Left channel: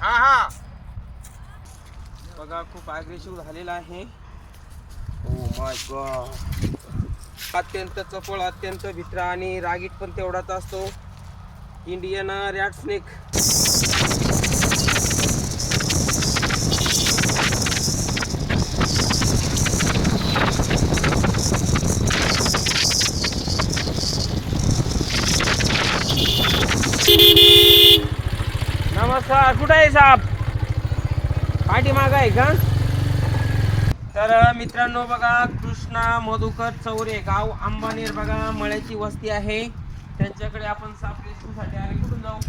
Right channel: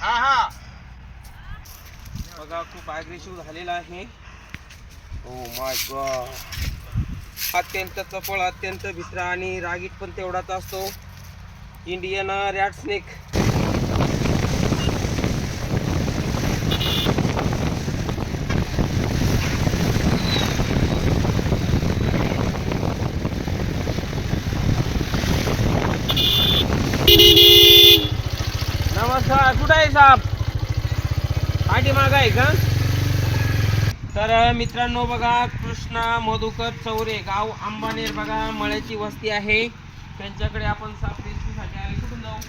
हा हा. बघा खूप अग्रेसिव्ह झालेला आहे. ओ माय गॉड अत्यंत चपळ अत्यंत भित्रा आणि रागीट पण तेवढाच असतो. इंडियन रॅट स्नेक नमस्कार कुठं आहे साहेब पाठीमाग आहे का? तर मित्रांनो बघा कृष्णा मधुकर चौरे गाव आंबानेर बघा मळ्याची वस्ती आहे. त्यांच्याकडे आपण साप रेस्क्यूसाठी कुठून जाऊ?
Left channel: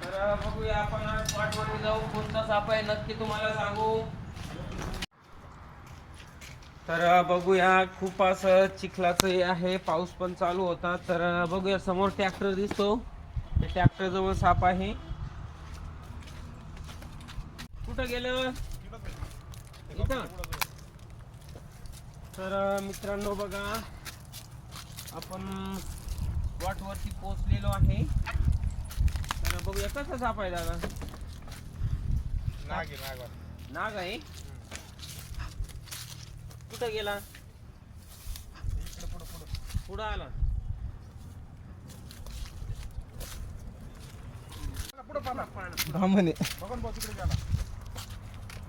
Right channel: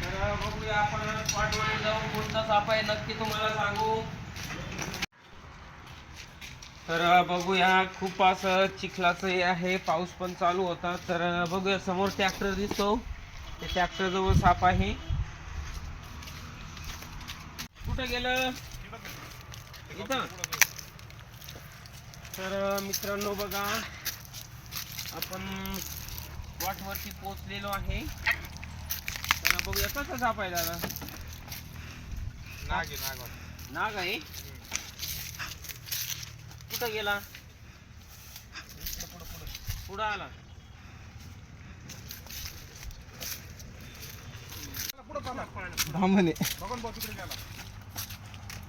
तर बघूया आपण स्पॉटवरून जाऊ. कोणता साप आहे नक्की तुम्हाला सांगू. तर बघूया. खूप असं चिखलाचं हे आहे. पाऊस पण चालू होता. तर बघूया. समोर ट्रॅक्टर दिसतो. त्या टॅक्टरजवळ साप आहे. कुठं गेलं? इथं. तर मित्रांनो बघा आपण वरती पोहोचलेलो आहे. तर बघूया कसं साप आहे दादा नाग आहे, नाग आहे. आहे? कुठं गेला? पुढं आला. बघून बघ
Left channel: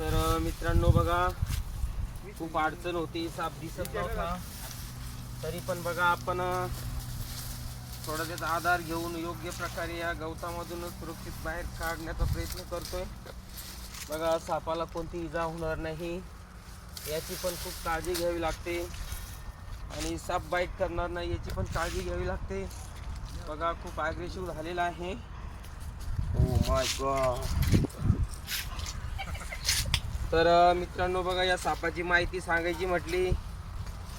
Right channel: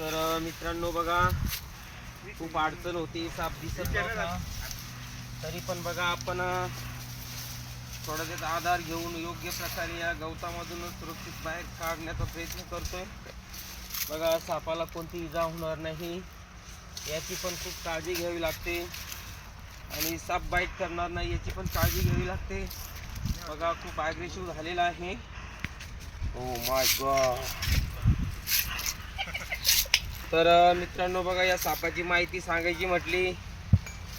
तर मित्रांनो बघा खूप अडचण होती साप दिसत नव्हता. तरी पण बघा आपण थोडा त्याचा आधार घेऊन योग्य प्रकारे या गवतामधून सुरक्षित बाहेर काढण्याचा प्रयत्न करतो बघा सापाला कोणती इजा होणार नाही याची पण खूप काळजी घ्यावी लागते. आणि साप बाईट करणार नाही याची पण काळजी घ्यावी लागते. बघा खूप अग्रेसिव्ह झालेला आहे. ओ माय गॉड तर मित्रांनो बघा या सापाची माहिती सांगायची म्हटली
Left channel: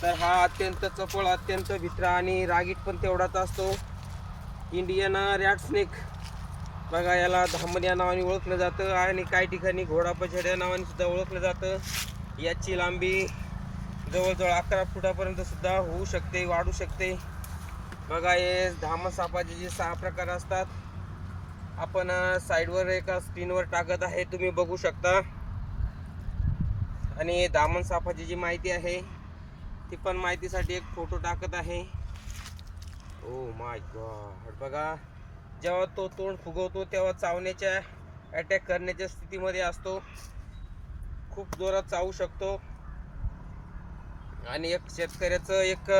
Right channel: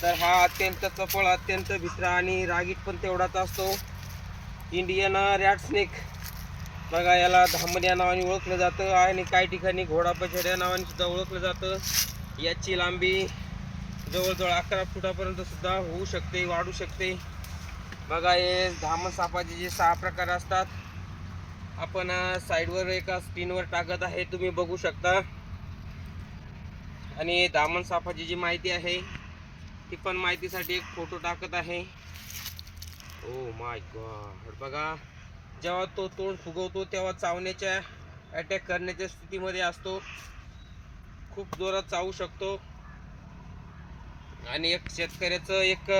तर हा अत्यंत चपळ अत्यंत भित्रा आणि रागीट पण तेवढाच असतो. इंडियन रॅट स्नेक बघा याला धामण या नावाने ओळखलं जातं आणि काही ठिकाणी घोडा पछड या नावाने सुद्धा ओळखलं जातं. याची लांबी जवळजवळ अकरा फुटापर्यंत सुद्धा होऊ शकते वाढू शकते. बघा हे धामण सापाचे जे सहा प्रकार असतात. आपण साईडवर एका स्क्रीनवर टाकत आहे तुम्ही बघू शकता. आणि दामन सापाची जी माहिती आहे ती पण माहितीसाठी एक फोटो टाकत आहे. ओ माय गॉड बघा जेव्हा तो तोंड फुगवतो तेव्हा चावण्याच्या अटॅक करण्याच्या स्थितीमध्ये असतो. खूप जोरात चावू शकतो. आणि एक शेतकऱ्याचं एक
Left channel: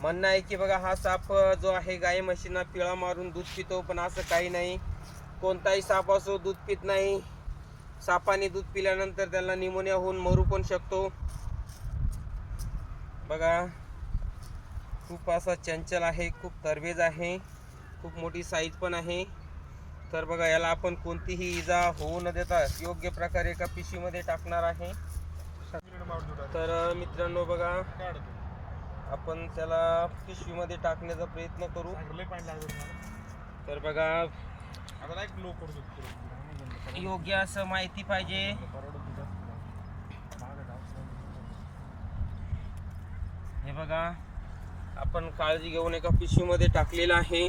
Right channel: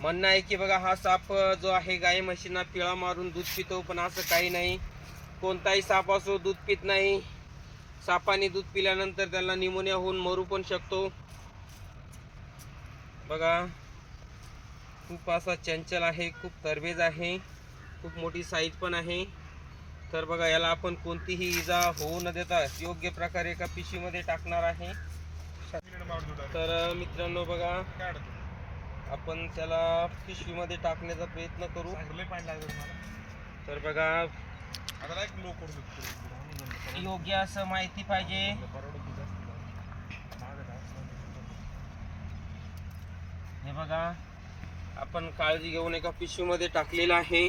म्हणणं आहे की बघा हा साप जो आहे गाई म्हशींना पिळा मारून दूध पितो पण असं काही नाही. कोणताही साप असो दूध पित नाही. सापाने दूध पिल्यानंतर त्याला निमोनिया होऊन मरू पण शकतो. बघा खूप असा चंचल आहे खूप तरबेज आहे खूप मोठी साईज पण आहे. तर बघा याला आपण कोणतीही इजा होऊ न देता योग्य प्रकारे एका पिशवीमध्ये टाकणार आहे. तर मित्रांनो बघा आपण त्याला पिशवीमध्ये टाकण्याचा प्रयत्न करू. तर बघा योग्य असं माहिती पाहिजे. हे बघा आपण काळजी घेऊन एका पिशवीमध्ये टाकलेलं आहे.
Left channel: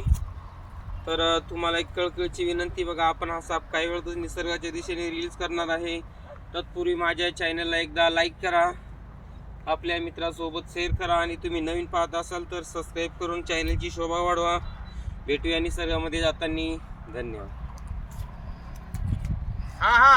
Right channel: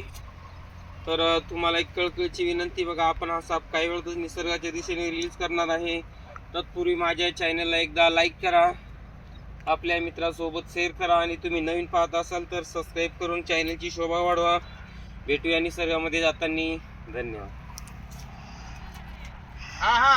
तर तुम्हाला एक कळकळीची विनंती बघा आपण हा साप काही वेळातच निसर्गाच्या दिशेने रील्स करणार आहे. तत्पूर्वी माझ्या चॅनलला एकदा लाईक करा. आपल्या मित्रासोबत शेअर करा आणि तुम्ही नवीन पाहत असाल तर सबस्क्राईब करून चॅनलची शोभा वाढवा. भेटूया निसर्गामध्ये जाताना. धन्यवाद. हा हा